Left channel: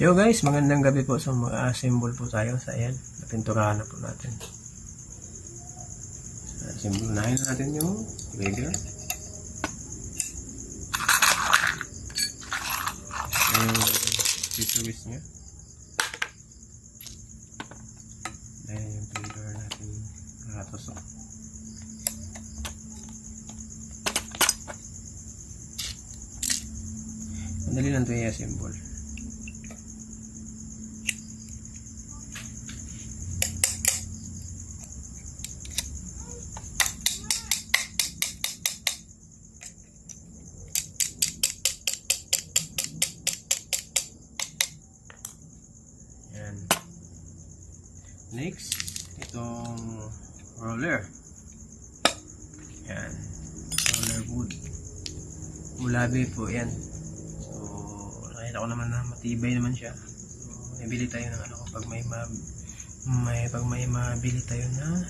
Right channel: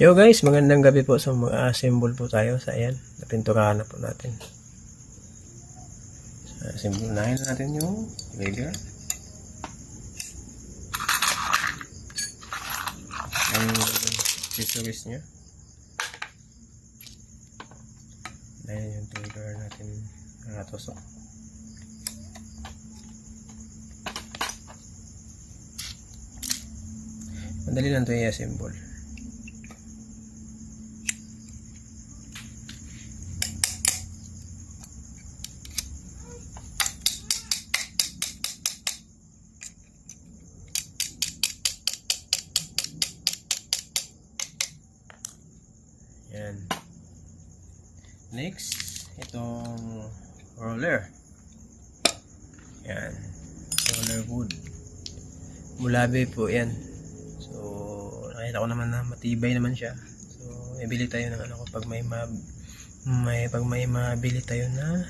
Yo guys, magandang gabi po. So mag-assemble po tayo sa ayan. Napinturahan na po natin. So, assemble natin yung trigger. Yung accessories nya. Ayan yung trigger natin nakatusok. Madali lang ito i-assemble. Yan. Next, itong roller. Yan. Roller wood. Mulabi po yan. So, nakita ko naman na matibay naman siya. So, ibili tayo ng ano pag may mabili tayo na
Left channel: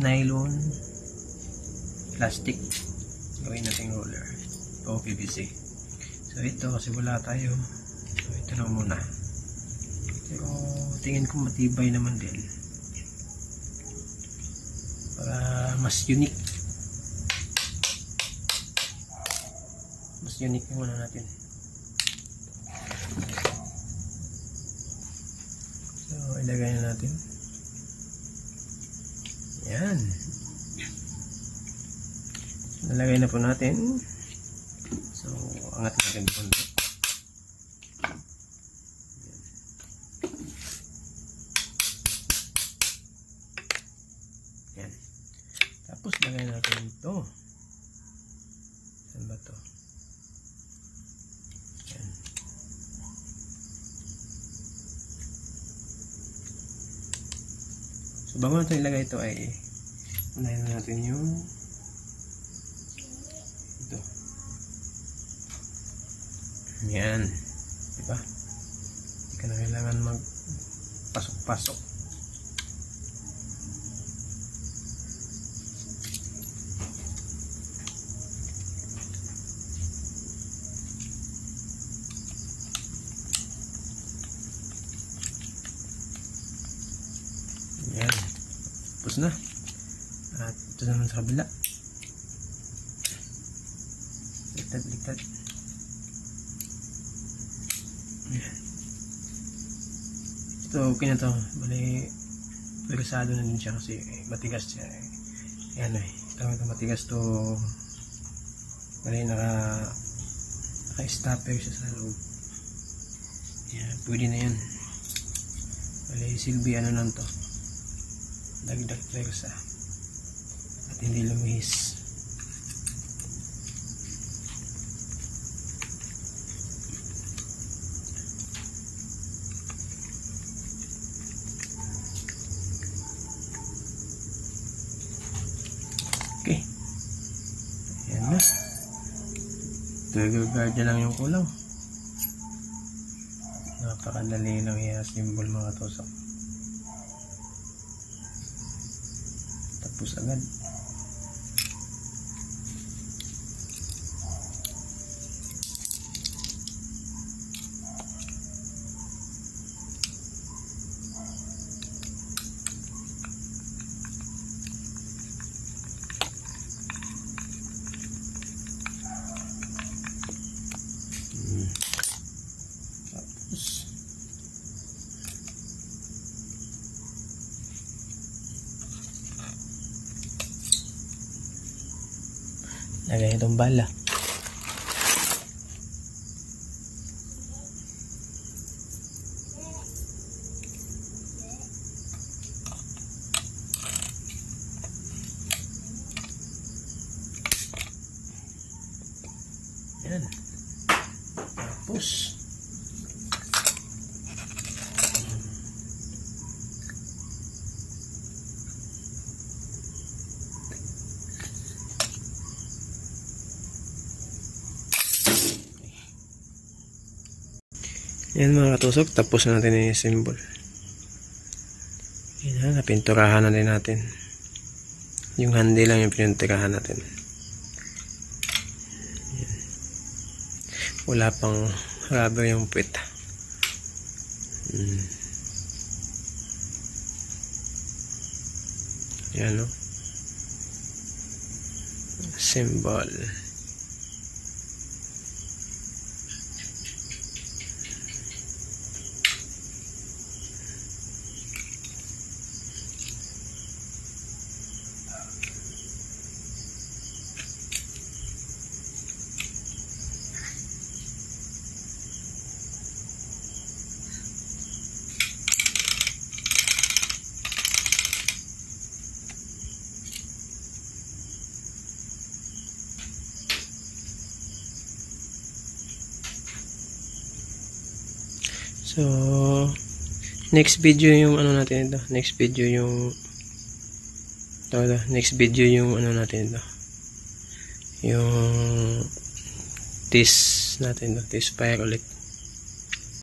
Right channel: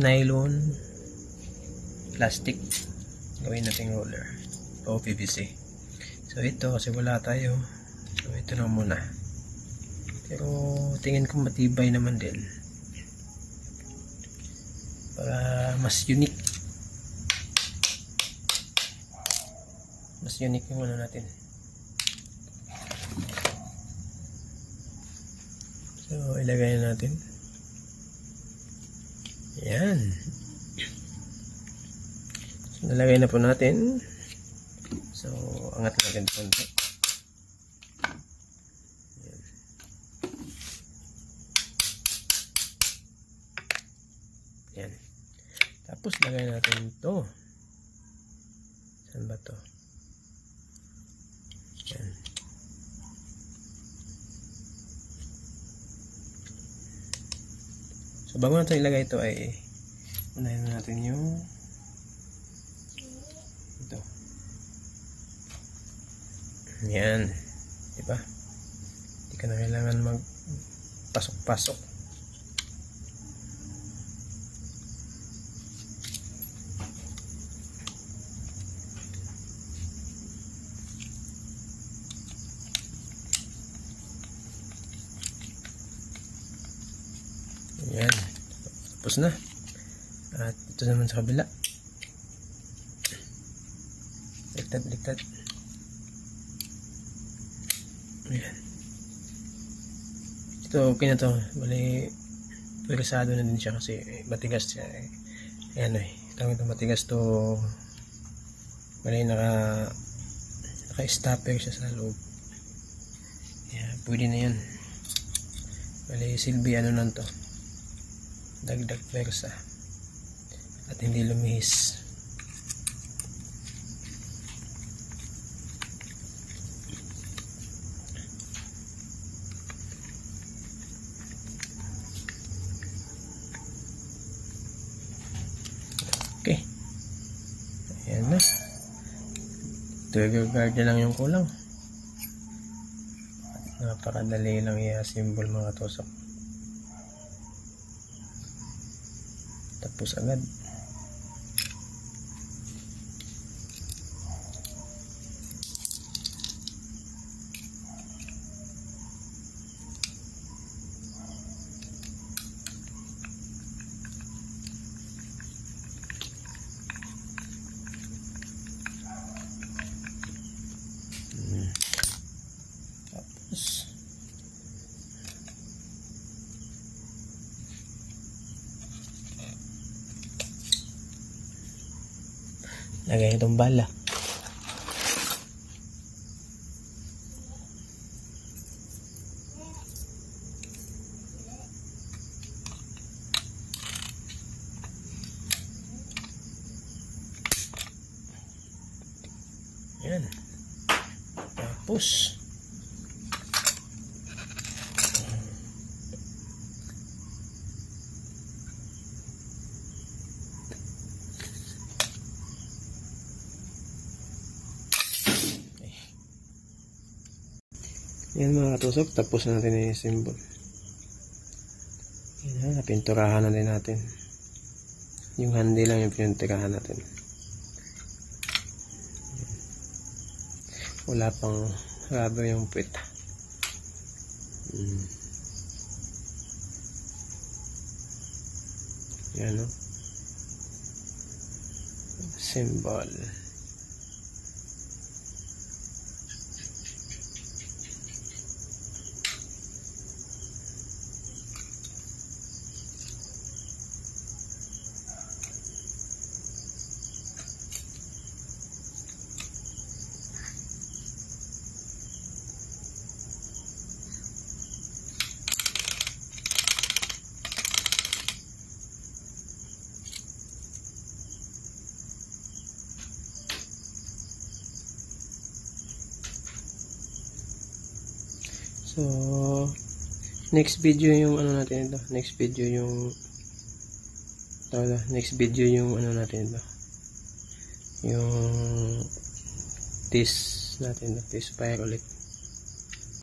nylon plastic. Gawin natin roller. O PVC. So, ito kasi wala tayo. So, ito na muna. Pero tingin ko matibay naman din para mas unique yung ano natin. So ilagay natin yan. So, nalagay na po natin. So angat natin konti. Yan. Tapos lagay natin ito. Saan ba ito? Yan. So bago natin ilagay ito ay unahin natin yung ito. Yan. Diba? Hindi ka na kailangan magpasok-pasok. Yan. Tapos na. At ito naman sa kabila. Liktad. Yan. Ito okay na to. Bali pwersado na din siya kasi matigas siya. Ayan eh. Ito matigas to. Bali naka-stopper siya sa loob. Yan. Pwede na yun. Bali silbi ano lang to. Dagdag pwersa at hindi lumihis. Okay, ayan na. Trigger guard na lang yung kulang. Napakadali lang i-assemble mga tusok. Tapos agad. Tapos lagay itong bala. Yan. Tapos yan mga katusok, tapos na natin i-assemble. Yan, napinturahan na din natin. Yung handi lang yung pininturahan natin. Yan. Wala pang rubber yung puwet. Yan, no? Symbol. So, next video yung ano natin ito. Next video yung ano natin ito. Yung test natin ito. Test fire ulit.